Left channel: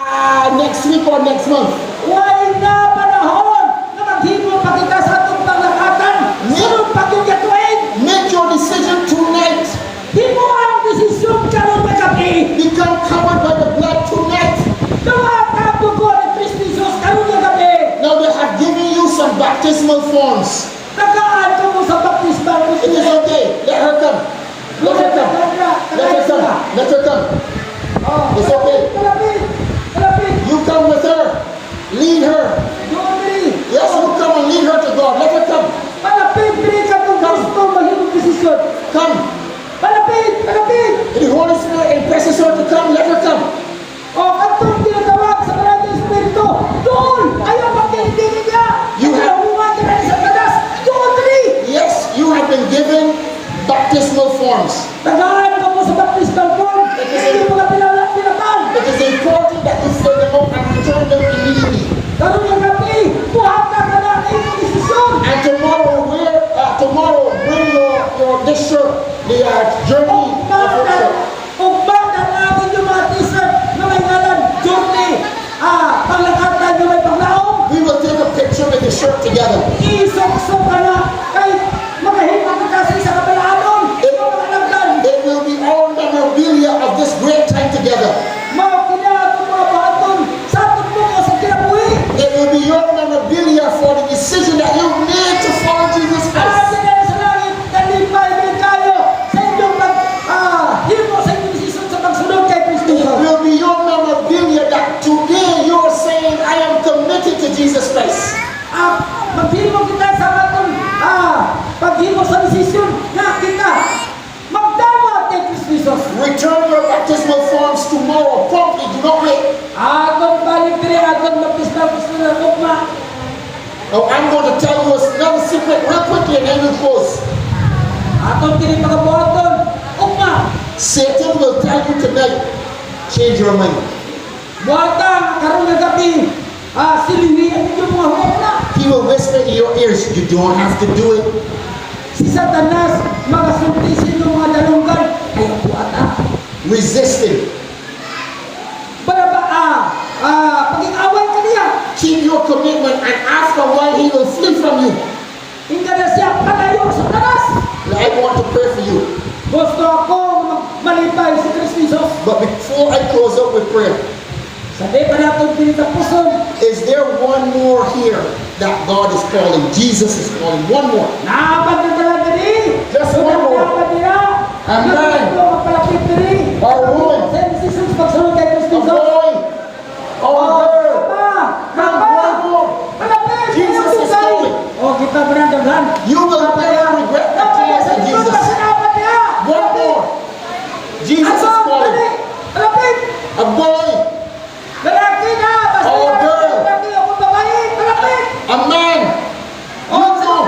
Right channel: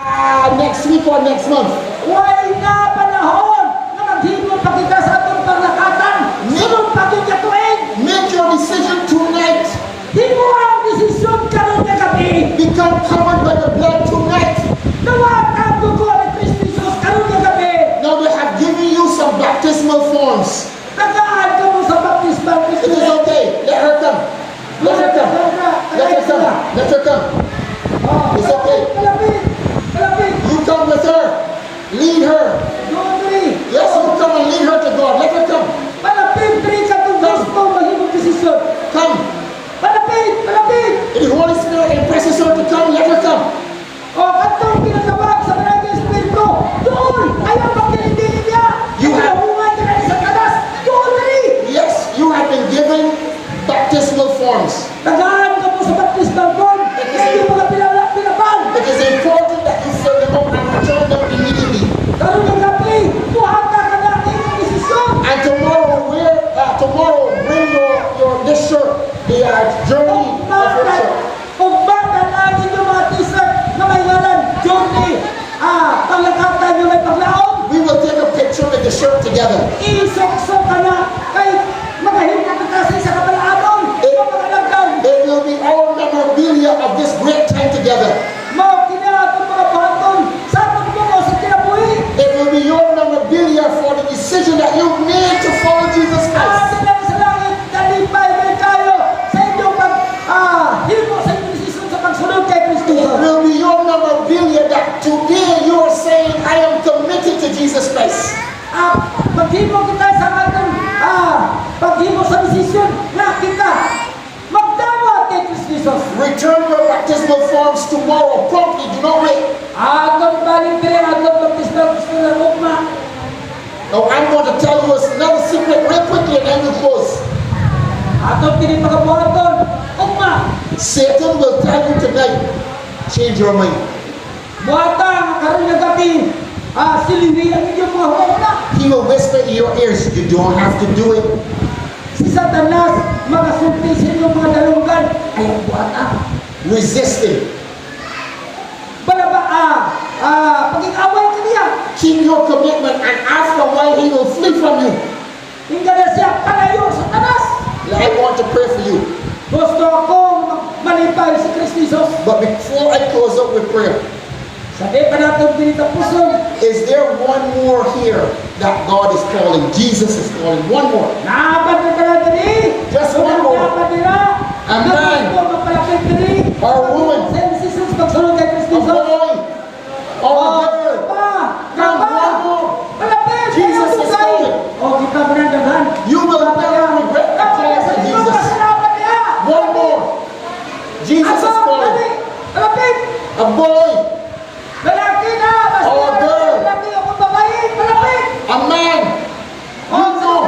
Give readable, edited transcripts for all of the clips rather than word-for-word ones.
next week or next month. Why nga panahon na maghimo pa kita sa atong panglakatan? Sunod pa kung katuig. Make your decision tonight. Himo ang desisyon karon nga gabi. Become covered by the blood tonight. Dawat ang dugo ni Kristo Jesus karon nga gabi. Now they have given you some baptismal forms. Tagaan ko mo sa baptismal It is okay. Let her come. Let her come. Let her come. Let her come. It's okay. Malapit. Malapit. You come with her. Lead her. Dumabili. Yes, you come and lead her to God. Let her come. Malapit. Bili ka kung gusto mahimong desisyon. Come. Malapit. Malapit. If the Holy Spirit impresses her to come, let her come. O, katong tinatawag sa maraming Espiritu, doon, ayaw magkinitingin niya. You have- Ayaw ka na sa kadas, doon dali. Yes, you have been given baptismal forms. Tagaan ka mo sa baptismal form, hindi mo ka pinabang. It is important that you fill them out and return them immediately. Karoon ng gabi, buhat ka na ng iyong desisyon. And tomorrow bring your this shirt, the journey of your shirt. Kung bakit ang inyong mga t-shirt na may ngalan, journey, panglakatan nyo may panglaong, We will take a picture with the shirt together. isok-sok ka na, kay magahimang kita sa isa kabalaanon, mga lagdaw. It will be our memorabilia of this great time together. Mao kina atong mga baton sa atong bungo sa kinabuhi. It will be your memorabilia for the decision that you made to follow Jesus Christ. Ate na sa langit, kalipay may kayo sa inyong himo sa inyong desisyon sa pagsunod kay Kristo. It will be your memorabilia that today you are saying, I am committed to Jesus Christ. Paghimo kita sa atong paghimo sa desisyon na kita magdawat kay Kristo Jesus. Return your baptismal forms tomorrow. Promptly, do not wait. Atong balipre, atong baptismal Kristo na lukma. Now I'm going to tell you another secret real quickly and then we'll close. Atong tinipakabuhaton, ugma. Satan will tell you tonight, change your mind. Buhatang karon nga gabi, silihi ang inyong mga hula. He will whisper in your ears, you don't have to do it. Si Satanas, magasulti sa inyong mga dalunggan, ayaw buhatan. Resisting. Pag-iaway ka niya, Keep your commitment and after a while he will flee from you. hindi na siya palayo sa Satanas. I want to pray for you. Gusto ako malipay si Kristo Jesus. But before I close up with prayer, Sabi pa natin pinitapuson, is there one more here that God is calling? Jesus is calling. One more. naabad na tala diri. Just one more. Naabad nila. Amen. Naabad ko magpalapit diri. Or a woman. Sa desisyon pagsunod kay Kristo A Jesus. boy. Or a girl. Come, one more. Malapit! Jesus is calling. O, kita ba ng daghan? You will never regret the call of Jesus. One more. Jesus is calling. Malapit! A boy. Lalaki na! Basta Oh, girl. lalaki ako babae! Malapit! A man. You know.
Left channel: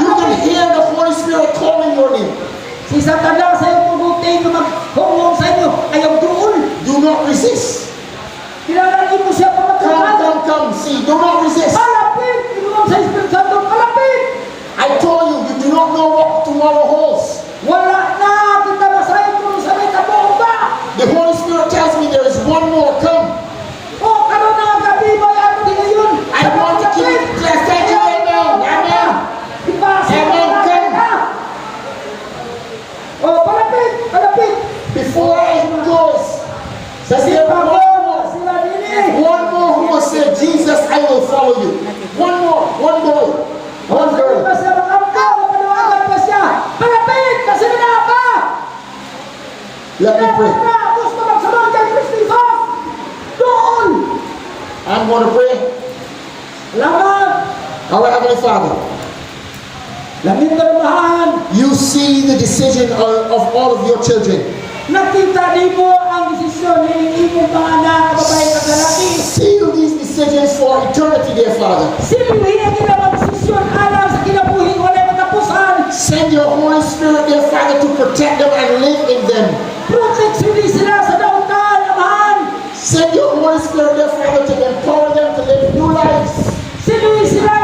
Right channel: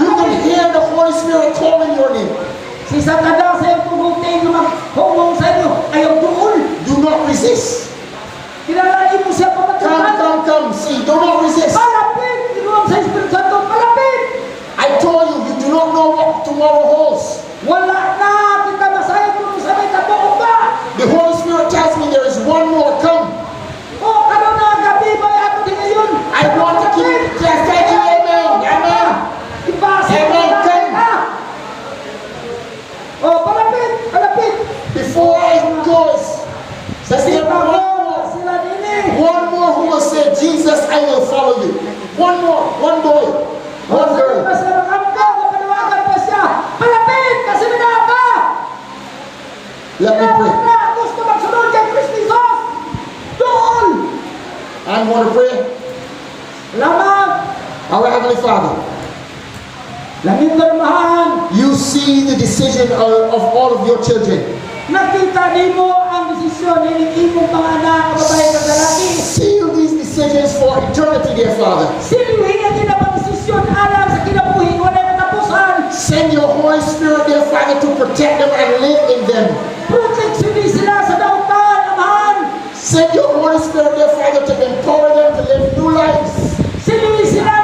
You can hear the Holy Spirit calling your name. Si Satanas ay pumunti nyo maghungong sa inyo. Ayaw doon. Do not resist. Kinalagin mo siya Come, pamagkakan. come, come. See, do not resist. Malapit! Inulang sa Espiritu Santo. Malapit! I told you, you do not know what tomorrow holds. Wala na! Kita masahin kung sa may kabuong ba? The Holy Spirit tells me there is one more. Come. O, karoon na ang gabi ba yato din ngayon? I want to keep thank you, amen. Amen. Ipasa Amen. na! O, palapit! Palapit! Before I close, says there Sila one mo! more. Sila dini! One more who will say, Jesus, I will follow you. One more. One boy. One Sabi girl. ba siya makamta? Mapanawagan pa siya! Palapit! Kasi na ka! Let me pray. Gusto magsunod kay Kristo Jesus! Doon! I'm going to pray. Salamat! Our Heavenly Father, Lamig karumahan! you see the decision of all of your children. Nakita ni mo ang desisyon ng imong mga anak, babae at lalaki. Seal these decisions for eternity, dear Father. Sinuhin ang ilang desisyon alam sa kinabuhi wala na tapusan. Send your Holy Spirit, dear Father, to protect them and live in them. Proteksyonin sila sa daungan, amahan. Send your Holy Spirit, dear Father, to empower them to live new lives. Sinuhin sila,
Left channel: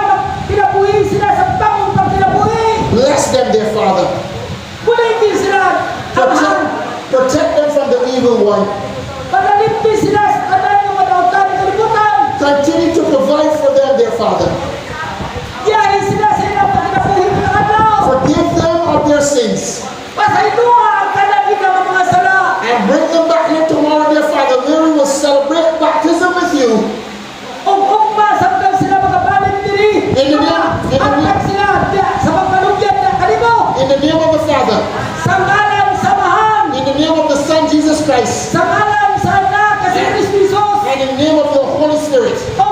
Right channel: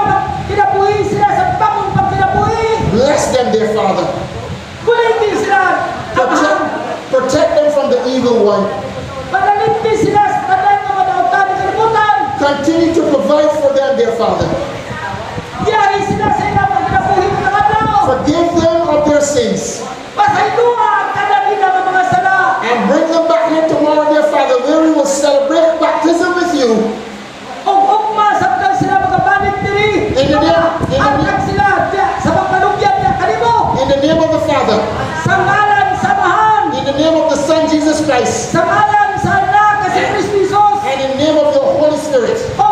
kinabuhi sila sa bagong pagkinabuhi. Bless them, dear Father. Kulitin sila, amahan. Protect them from the evil one. Pagalitin sila sa kanan ng mga ila ng mga sala. and bring them back here tomorrow, dear Father, where we will celebrate baptism with you. O ugma sabdan sila makabalik diri. In the name- Angkat sila sa pagkalugyan na kanimo. In the name of the Father, Sa ngalan sa Mahal. in the name of the Son Jesus Christ, Sa ngalan sa Anak kasi Kristo Jesus. and in the name of the Holy Spirit. O